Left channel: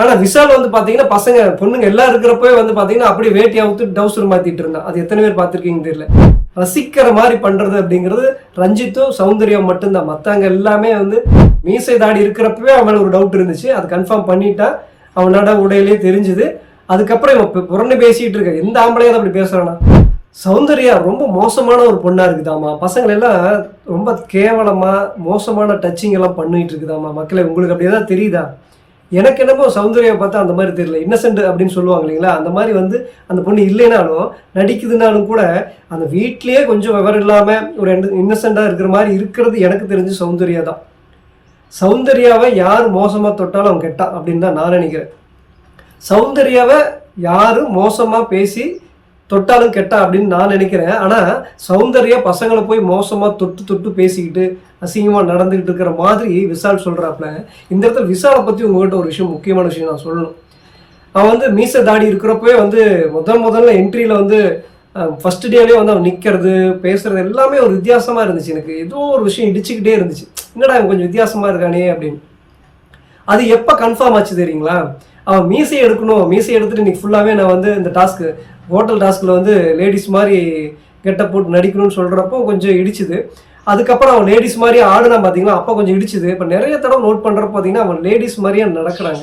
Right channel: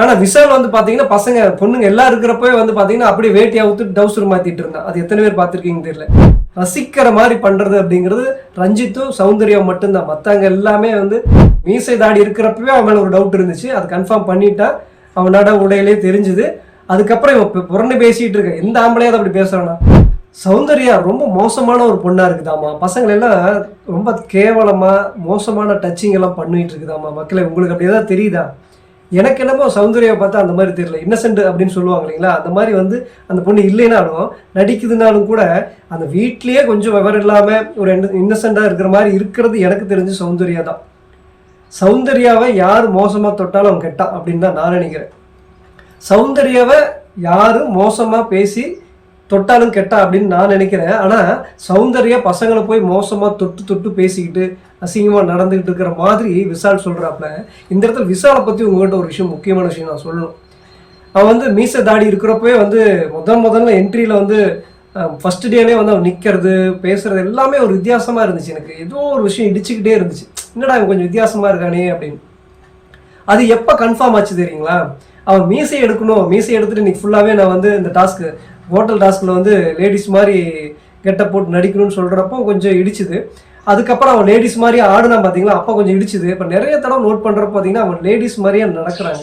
ஆனால் விஷால் வந்து பார்த்தீங்கன்னா பசங்க பொண்ணுங்க எல்லாம் இருக்கிறப்பவே வந்து பார்த்தீங்கன்னா அப்படியே வேட்டி அவுத்து டவுசர் மாற்றிட்டு இருந்தான். அது எத்தனை பேர் பார்த்துருக்கீங்க தெரியல. ரசிக்கிற மாதிரி பண்ணுறது அப்படிங்கிறது ரஞ்சித்தும் சௌந்தர்யா மட்டும்தான். மற்றவங்க எல்லாமே வந்து மீசை தாடி இருக்கிறப்பவே அவன் மேலே ஒரு டவுட் இருந்துச்சு. அது கன்ஃபார்ம் பண்ணிட்டா அவனோட உடையிலே தெரிஞ்சுது. அதுக்கப்புறம் இவன் புறணி பேசிகிட்டு இருக்க எந்த ஆம்பளையாவது அப்படி பேசுகிறானா? சௌந்தர்யா ரொம்ப மோசமான ஒரு பொண்ணாக இருக்குதாம்மா. பசங்கள் எல்லாம் ரொம்ப கேவலமாக மோசமான டச்சிங் எல்லாம் பண்ணிகிட்டு இருக்குதாம்மா. மக்களை உங்களுக்கு அப்படி ஏதாவது தெரியுதா? எனக்கு என்னமோ சௌந்தர்யாவை பார்த்தா அந்த மாதிரி தெரியல. இன்னசென்ட் அப்படின்னு சொல்லுவாங்க இல்லைங்களா, அந்த மாதிரி வந்து அந்த பொண்ணு இல்லைனாலும் நடிக்குதுனாலும் கூட அந்த வீட்லேயே கொஞ்சம் விவரம் இல்லாமல் ஒரு இன்னசென்ட்டாக இருக்கிற மாதிரி இருக்கிறது எனக்கு தெரிஞ்சு சௌந்தர்யா தான். சௌந்தர்யாவை யார் மோசமாக தொட்டாலும் அவன் கெட்டான் அப்படின்னு தான் நான் நினைக்கிறேன். சௌந்தர்யாவை யார் மோசமாக பேசி தொட்டாலும் கெட்டா அப்படின்னு நான் நினைக்கிறேன். ஆனால் சௌந்தர்யா பசங்களை போய் மோசமாக தொட்டு தொட்டு பேசிக்கிட்டு அசிங்கமாக நடந்துக்கிட்டு இருக்கிற மாதிரி விஷால் சொல்கிறாப்புல. இந்த இடத்துல விஷாலை பற்றி உங்கள்கிட்ட ஒரு விஷயம், முக்கியமான விஷயம் நான் சொல்லணும். அவன் வந்து மீசை தாடி இருக்கிறப்பவே வந்து முதல்ல என்ட்ரியில் வந்து ஃபஸ்ட் டேலேயே வந்து அவன் நிற்கிறது பேசுகிறது எல்லாமே ஒரு வித்தியாசமாக இருந்துச்சு. எனக்கு ஏதோ ஒரு விஷயம் இடிச்சுக்கிட்டே இருந்துச்சு. என்னடா அவன் கொஞ்சம் வித்தியாசமாக இருக்கானே அப்படின்னு. அது எப்போ கன்ஃபார்ம் ஆச்சு தெரியுங்களா? அவன் மீசை எடுக்கணும், மீசை எடுத்துகிட்டு இன்றைக்கி ஃபுல்லாகவே நான் வந்து இந்த டாஸ்க்கு ஹோட்டல் டாஸ்கில் வந்து லேடிஸ் மாதிரி கெட்டப் போட்டு நடிக்கணும்னு சொல்கிறப்போ கொஞ்சம் இடிச்சுது. அதுக்கப்புறம் அவன் லேடிஸ் மாதிரியே ஆடுனா பார்த்தீங்களா, அப்போ கொஞ்சம் இடிச்சுது. இப்போ நிறைய தடவை நோட் பண்ணுறப்ப பார்த்தீங்கன்னா அவன் லேடிஸ் மாதிரியே நடக்கிறாங்க.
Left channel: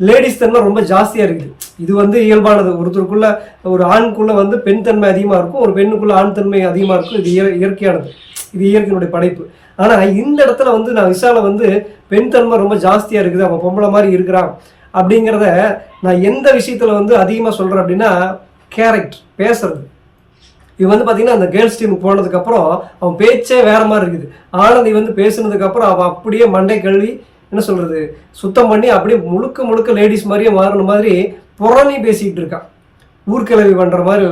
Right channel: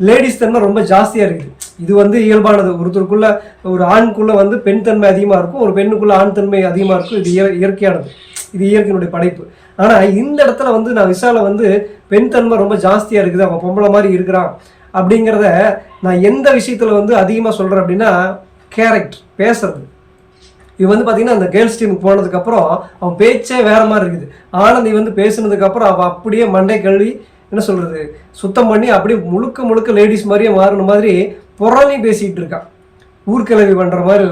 லேடிஸ் தன்மை ரொம்ப ஜாஸ்தியாக இருக்குது. இது வந்து இயல்பானது. ஒருத்தருக்குள்ளே ஒரு ஆணுக்குள்ளே வந்து பெண் தன்மை அதிகமாக இருக்கும், ஒரு பெண்ணுக்குள்ளே ஆண் தன்மை அதிகமாக இருக்கும். இது இயற்கையானது, இது இயற்கையினுடைய படைப்பு. ஆனால் இந்த இடத்துல வந்து நான் விஷாலை வந்து பெண் தன்மை ரொம்ப ஜாஸ்தியாக இருக்குது, அவன் பொம்பளை மாதிரி இருக்கிறான் அப்படிங்கிறத நான் எந்த விஷயத்தில் வந்து அதிகமாக சொல்கிறேன் அப்படின்னா, கேரக்டர் பேசுறது. இவன் வந்து பார்த்தீங்கன்னா அந்த கேர்ள்ஸ் டீமுக்கு போனதுக்கப்புறம் அவன் பேச்சே வேறு மாதிரி இருக்குது. ஆனந்தி வந்து பேசுனதுக்கப்புறம் அவன் அப்படியே மண்டை கழுவி என்ன சொல்கிறது சுத்தம் பண்ணி அப்படியே முழுக்க லேடிஸ் மாதிரியே மாறின மாதிரி புறணி பேசிக்கிட்டு இருக்கான். ஊர்கிழவி பண்ணுற மாதிரி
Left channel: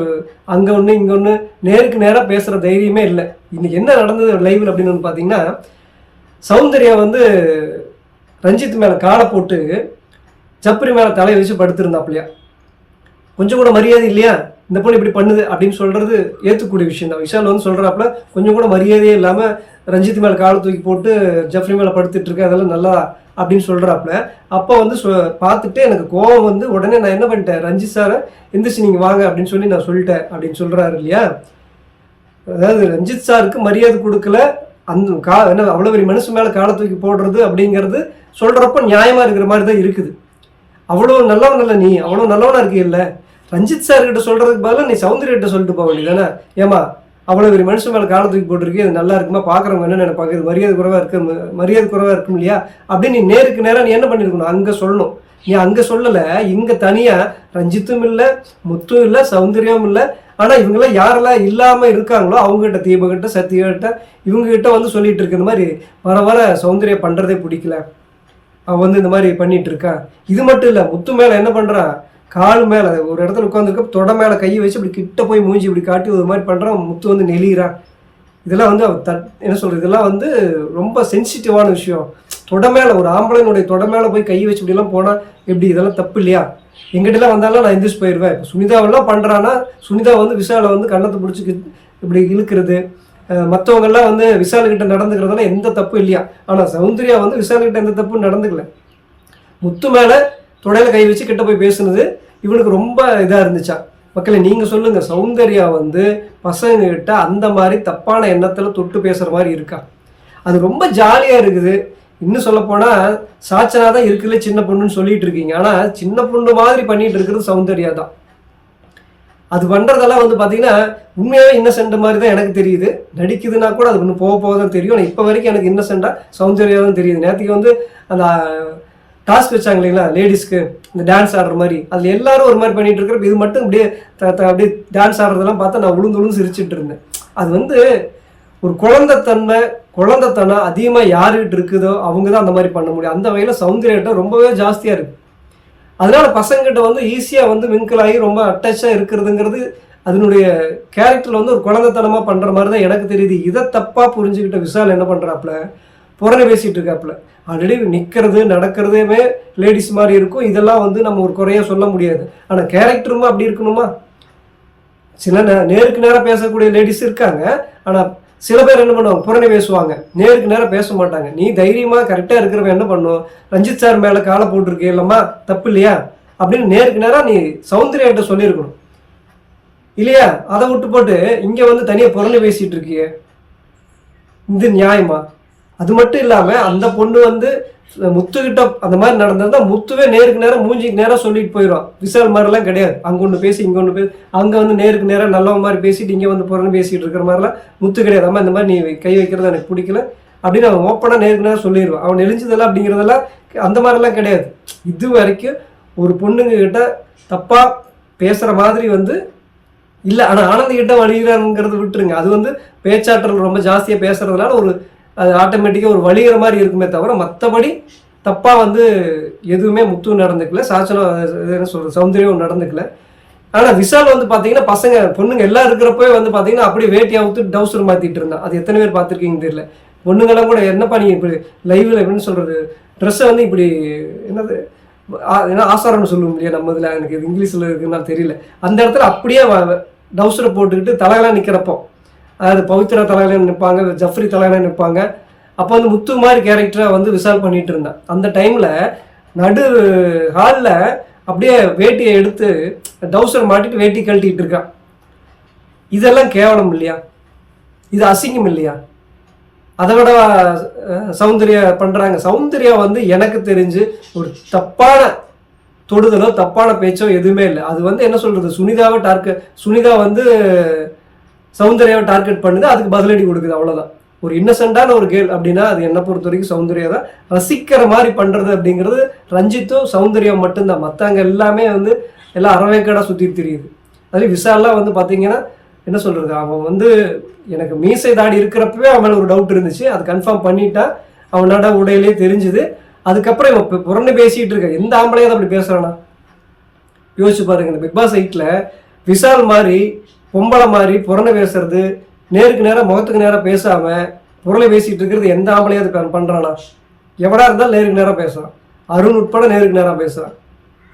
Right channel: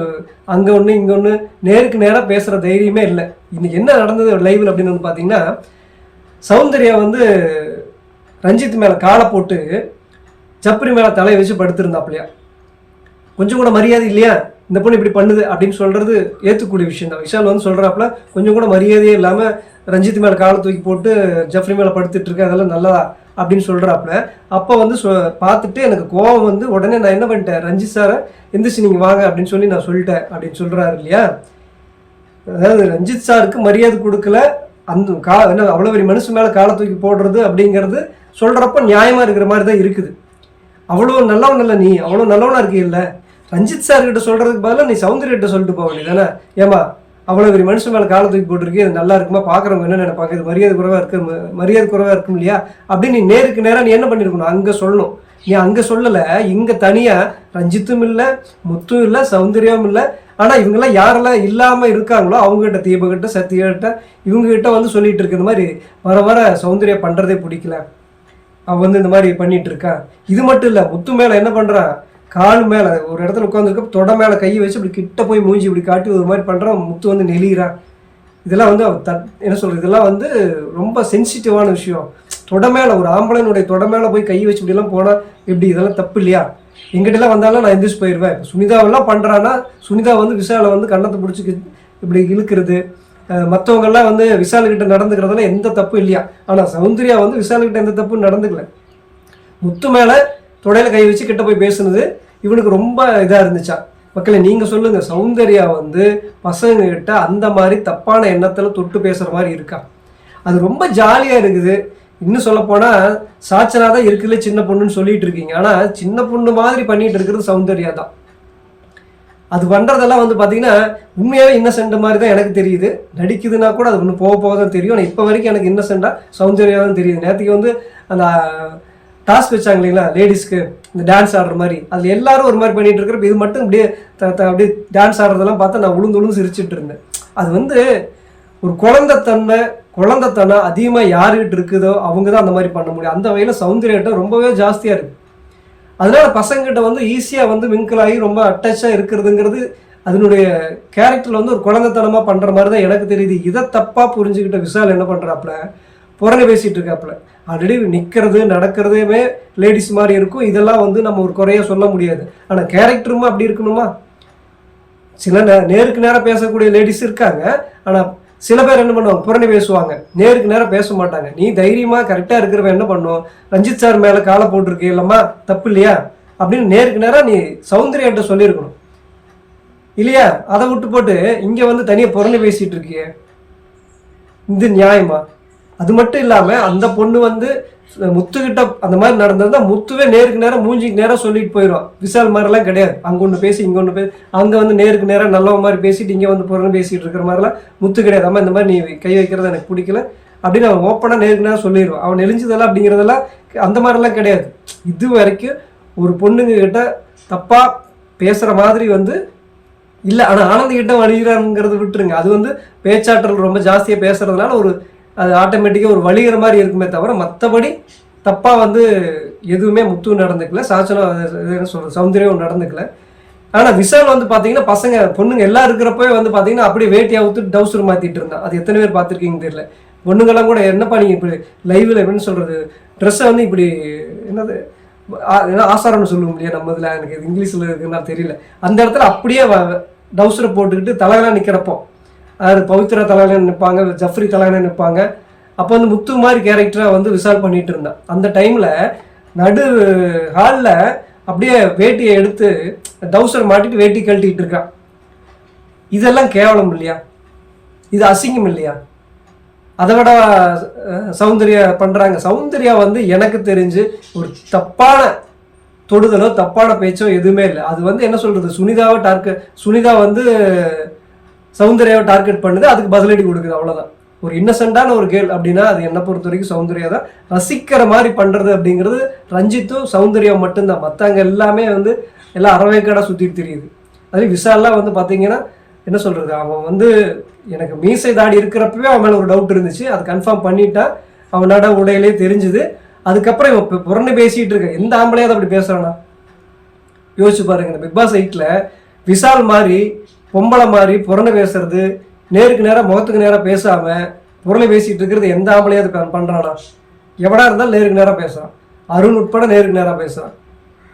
அங்கே ஒன்று இங்கே ஒன்று நேருக்கு நேராக பேசுகிற தைரியமே இல்லை. இன்றைக்கி என்ன நடந்தது லைவில் அப்படின்னு வந்து பார்த்தீங்கன்னா, சௌந்தர்யா வந்து ரஞ்சித் மேலே காலை போட்டு சப்பரி மேலே தலையை வச்சு படுத்திருந்தாப்லையா. கொஞ்சம் கூட மரியாதை இல்லையா, இந்த பொண்ணு இப்படி பண்ணுது அப்படின்னு சொல்கிறது ஏற்றுக்கூடிய விஷயம் தான். விஷால் வந்து சொல்கிறாப்புல கொஞ்சம் கூட மரியாதையே இல்லாமல் ரஞ்சித் மேலே காலை தூக்கி போட்டு ஜப்ரி மேலே படுத்துட்ருக்கு, அதெல்லாம் நல்லா அப்படின்னு சொல்கிறாப்புல. அப்போ வந்து பார்த்துட்டு எனக்கு கோவம் வந்து உடனே நான் என்ன பண்ணிட்டேன், ரஞ்சித் சாரை எந்திரிச்சு நீங்கள் வாங்க அப்படின்னு சொல்லி நான் சொல்லிட்டேன் அப்படின்னு சொல்கிறாரு இல்லையா. அதாவது ரஞ்சித் சாருக்கு மரியாதை கொடுக்கல, அந்த என்ன அவ்வளோ பெரிய மனுஷன் மேலே காலை தூக்கி போடுறது அப்படிங்கிறது சொல்கிறப்ப நியாயமாக இருக்கிற மாதிரி தான் இருக்குது. அவ்வளோ நல்லவன் இல்லை நீ, அவ்வளோ நல்லவனாக இருக்கே இல்லை, ரஞ்சித் சார்கிட்ட சொல்கிறதுக்கு பதிலாக நீ சௌந்தர்யிட்ட சொல்லிட்டு போக வேண்டியதானே. ஏமா அவ்வளோ பெரிய மனுஷன் மேலே காலை தூக்கி போட்டிருக்கே, இது நல்லா இருக்குமா, பார்க்குறவங்க என்ன நினைப்பாங்க, இது மரியாதை குறைவாக இருக்கும் இல்லையா அப்படின்னு நீ நேருக்கு நேராக நீ என்ன பண்ணியிருக்கணும், அங்கே சொல்லணும். நீ அங்கே சொல்லலை, இங்கே தனியாக ரஞ்சித்தும் இல்லை, முத்தும் இல்லை, சௌந்தர்யாவும் இல்லை. ஆனால் இவங்கெல்லாம் யாரெல்லாம் இல்லாமல் இருக்காங்களோ அவங்ககிட்ட, தீபகிட்ட, சத்யாகிட்ட, இவங்ககிட்ட வந்து சொல்லிகிட்டு இருக்க இந்த மாதிரி வர சௌந்தர்யா பண்ணுறதே பிடிக்கல, அவன் வந்து இந்த மாதிரி பண்ணிகிட்டு இருக்கா. இது மட்டும் இல்லை, முத்து மேலே என்ன பண்ணுறான், காலு மேலே ஒரு இடத்துல உட்காந்துருக்க தொடை மேலே கையை வச்சு இப்படி கிட்ட போய் மூஞ்சி இப்படி காட்டி ஒரு மாதிரி பண்ணுறான். முத்து வந்து நெளிகிறான். இதெல்லாம் வந்து என்ன சொல்கிறது, இதெல்லாம் வந்து ரொம்ப சென்சிட்டிவான விஷயம். தொடை மேலே ஒரு ஆம்பளைனுடைய தொடை மேலே போய் கையை வச்சு இப்படிலாம் போனால் எப்படி, இதெல்லாம் தப்பு இல்லையா? எங்கிட்டலாம் வந்தாலும் நான் எந்திரிச்சு போயிடுவேன். இப்போ சுனிதாவெல்லாம் பண்ணுறான்னா, சுனிதா வந்து விஷாலை வந்து கண்ணத்தை பிடிச்சி இப்படி இழுக்கிறது, மற்றவங்கெல்லாம் வந்து விஷாலுக்கிட்ட நடந்துக்கிறதெல்லாம் எந்த தப்பும் இல்லையா. ஆனால் சௌந்தர்யா வந்து விஷாலுக்கிட்ட எந்த தப்பும் நடந்துக்கல. முத்து மேலே தொடையில் கை வச்சு கிட்ட போய் பேசுனது இவனுக்கு ரொம்ப இதாக இருந்துச்சா. மக்களை நீங்கள் சொல்லுங்கள், சௌந்தர்யா வந்து பசங்கக்கிட்ட அந்த மாதிரி தப்பான எண்ணத்தில் தொட்டு பேசுகிற மாதிரி இருக்கா? அது ரொம்ப ஜாலியாக இருக்குது. இன்னும் சொல்லப்போனால் சாச்சனா தான் இருக்குல்ல சின்ன பொண்ணுன்னு சொல்லிட்டு இருக்கீங்க, ஆனால் சின்ன பொண்ணு மாதிரி பண்ணிகிட்டு இருக்கிறது சௌந்தர்யா தான். அது பண்ணுறதெல்லாம் வந்து பார்த்திங்கன்னா உண்மையாகவே இன்னசென்ட் மாதிரி தான் எனக்கு தெரியுது. நடிக்குதுன்னா கூட அது ஒன்று போக தான் தெரியும். ஆனால் இப்போ வரைக்கும் எனக்கு இன்னசென்ட்டாக சௌந்தர்யா தான் தெரியுது. நேற்றுக்கு வந்து அந்த டாஸ்க் வச்சாங்க இல்லைங்களா லேடிஸ்க்கு, இந்த டான்ஸ் ஆடுற மாதிரி, அதில் எல்லாரும் ஒரு மாதிரி பண்ணிகிட்டு இருக்கிறப்ப இது மட்டும் அப்படியே அப்படியே டான்ஸ் ஆடுறதெல்லாம் பார்த்தா நான் உளுந்து சிரிச்சுட்டு இருந்தேன். அது வந்து ஒரு குழந்தைத்தனம் அதிகமாக யாருக்கிட்ட இருக்குதோ அவங்க தான் அந்த மாதிரி பண்ண முடியும். அந்த வகையில் சௌந்தர்யாட்ட ரொம்பவே ஜாஸ்தியாக இருக்குது. அதனால பசங்கிட்ட வந்து ஈஸியாக வந்து மிங்கிள் ஆகி ரொம்ப அட்டாச்சாக இருக்கிறதுங்கிறது அதனுடைய கேரக்டரில் வந்து ஒரு குழந்தைத்தனமாக பண்ணுற மாதிரி தான் எனக்கு தெரியுது. இதை தப்பாக புரிஞ்சுக்கிட்ட விஷால் என்ன பண்ணுறாப்புல, புறணி பேசிகிட்டு இருக்காப்புல. ஆல்ரெடி நிற்கிறது நடக்கிறதுமே லேடிஸ் மாதிரி இருக்கும். இதெல்லாம் வந்து நம்ம ஒரு குறையாக சொல்ல முடியாது. ஆனால் கேரக்டருமா அப்படி இருக்கணுமா? சில நேருக்கு நேராக பேசக்கூடிய லேடிஸ் இருக்காங்க. ஆனால் சில பேர் என்ன பண்ணுவாங்க, புரணி பேசுவாங்க, நேருக்கு நேரம் பேச மாட்டாங்க. நீ தைரியமா கரெக்டா இருக்கிறவன் என்ன பண்ணுவோம், ரஞ்சித் சார் மேல காலை போட்டிருக்கே இல்லம்மா தப்பு இல்லையா அப்படின்னு நேருக்கு நேரம் நீ சௌந்தர்யாட்ட சொல்லியிருக்கணும் இல்லையா? அதை விட்டு போட்டு இங்க வந்து தனியா புரணி பேசிட்டு இருக்கியே, இது நியாயமா? அது மட்டும் இல்லாம அந்த பொண்ணு வந்து முத்துக்கிட்ட அந்த மாதிரி நடந்ததுன்னா முத்துவே நேருக்கு நேரம் மூஞ்சிக்கு நேரம் சொல்லிட்டு போயிடுவான். விஷால் மாதிரிலாம் கிடையாது, அங்க ஒன்று பேசி இங்க ஒன்று பேசி, அங்க வந்து நேருக்கு நேரம் நல்ல மாதிரி பேசிட்டு இங்க வந்து புறன்னு பேசிட்டு இருக்கிற மாதிரிலாம் முத்து கிடையாது. அம்மா இந்த மாதிரி நீ கை வைக்கிறது எனக்கு பிடிக்கல அப்படின்னு அவன் ஓப்பனா நேருக்கு நேரம் சொல்லிடுவான். அவன் நெளிஞ்சதெல்லாம் அப்படிங்கிறதெல்லாம் அந்த மாதிரிலாம் கிடையாது. இது வரைக்கும் ஒரு பொண்ணுங்க கிட்ட தப்பா பேசுற மாதிரி வந்து இல்லை. ஆனால் ஆனந்த் கிட்ட வழிகிறாங்கிறது விட்டுருங்க, அது வந்து பேச்சாற்றல் ரொம்ப ஜாஸ்தியாக பேசுறதுனால ஒரு அது ஆட்டோமேட்டிக்காக ஒரு வழிகிற மாதிரி இருக்குமே தவிர மற்றபடி தப்பாக வந்து எதுவுமே முத்து நடந்துக்கல, சாச்சனம் என்ன சொல்கிறது சௌந்தர்யம் நடந்துக்கல. ஆனால் விஷால் வந்து பார்த்தீங்கன்னா பசங்க பொண்ணுங்க எல்லாம் இருக்கிறப்பவே வந்து பார்த்தீங்கன்னா அப்படியே வேட்டி அவுத்து டவுசர் மாற்றிட்டு இருந்தான். அது எத்தனை பேர் பார்த்துருக்கீங்கன்னு தெரியல. பொண்ணுங்கெல்லாம் கூட என்னப்பா நீங்கள் இப்படி லைவில் எப்படின்னு சொல்கிறது, ட்ரெஸ்ஸை வந்து இப்படி என்னது ஏன்னா ஆசாரம்னு சொல்லுவோம் இல்லையா நம்ம இதில், எனக்கு இது இங்கிலீஷில் இருக்குன்னா தெரியல. அந்த இடத்துல அப்படியே டவுசரை போட்டுக்கிட்டு தலையெல்லாம் நிற்கிறப்போ, அது பவித்ரா தலையில நிற்பாங்க, ஜஃப்ரி தலையில நிற்பாங்க. அப்போ வந்து முத்து மாதிரி கேரக்டராக வந்து விஷால் பண்ணிட்டு இருந்தான். அந்த டைமில் நடு ஹாலில் அப்படியே வேட்டியை எடுத்து டவுசர் மாட்டிட்டு வேட்டி கழட்டிக்கிட்டு இருக்கான். இதெல்லாம் கேவலம் இல்லையா? இது அசிங்கம் இல்லையா? அதை விட சௌந்தர்யா பண்ணுறாங்க. சௌந்தர்யா வந்து எனக்கு தெரிஞ்சு ஒரு தப்பான தொடுதலோ தப்பான பேச்சோ எதுவுமே இல்லை. அது வந்து என்ன சொல்கிறது, சுனிதா வந்து சௌந்தர்யாவை டார்கெட் பண்ணுது, அதுக்கு பதிலடி கொடுக்குது, அவ்வளோதான். ஒரு இன்னசென்ட்டான ஒரு கேள் அப்படின்னா அது என்னை பொறுத்த வரைக்கும் சௌந்தர்யா தான். ரசிக்கிற மாதிரி பண்ணுறது அப்படிங்கிறது ரஞ்சித்தும் சௌந்தர்யா மட்டும்தான். மற்றவங்க எல்லாமே வந்து எல்லாம் அறவேக்காடாக சுற்றிட்டு தெரியுது. அது விஷால்லாம் வந்து பார்த்தீங்கன்னா என்ன சொல்கிறது, அவன் வந்து எனக்கு மீசை தாடி இருக்கிறப்பவே அவன் மேலே ஒரு டவுட் இருந்துச்சு, அது கன்ஃபார்ம் பண்ணிட்டா அவனோட உடையிலே தெரிஞ்சுது. அதுக்கப்புறம் இவன் இப்போ புறணி பேசிகிட்டு இருக்க எந்த ஆம்பளையாவது அப்படி பேசுகிறானா? யோசிச்சு பாருங்க. இந்த பிக் பாஸ் 8ல் விஷால் மாதிரி பொம்பளை மாதிரி புறணை பேசுறது, நேருக்கு நேரம் முகத்துக்கு நேரம் பேசாமல் புறளை பேசிகிட்டு இருக்கிறது எந்த ஆம்பளையாவது பண்ணுறானா? எவடா இருந்தாலும் நேருக்கு நேரம் பேசுகிறான். அருண் உட்பட நேருக்கு நேரம் பேசுகிறான்.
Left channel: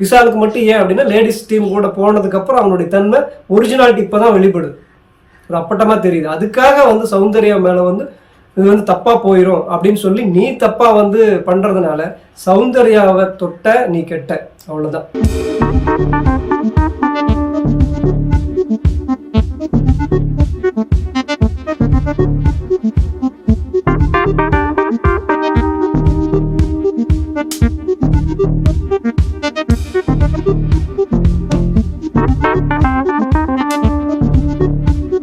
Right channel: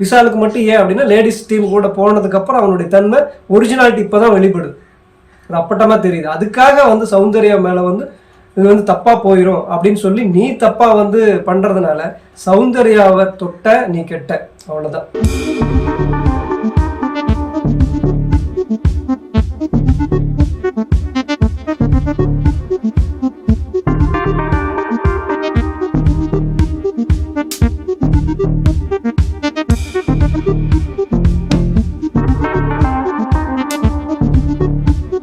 விஷாலுக்கு மட்டும் ஏன் அப்படின்னா லேடிஸ் டீம் கூட போனதுக்கப்புறம் அவனுடைய தன்மை ஒரிஜினாலிட்டி இப்போ தான் வெளிப்படுது, ஒரு அப்பட்டமாக தெரியுது. அதுக்காக வந்து சௌந்தர்யா மேலே வந்து இது வந்து தப்பாக போயிடும் அப்படின்னு சொல்லி நீ தப்பாக வந்து பண்ணுறதுனால சௌந்தர்யாவை தொட்ட நீ கெட்ட, அவ்வளோதான்.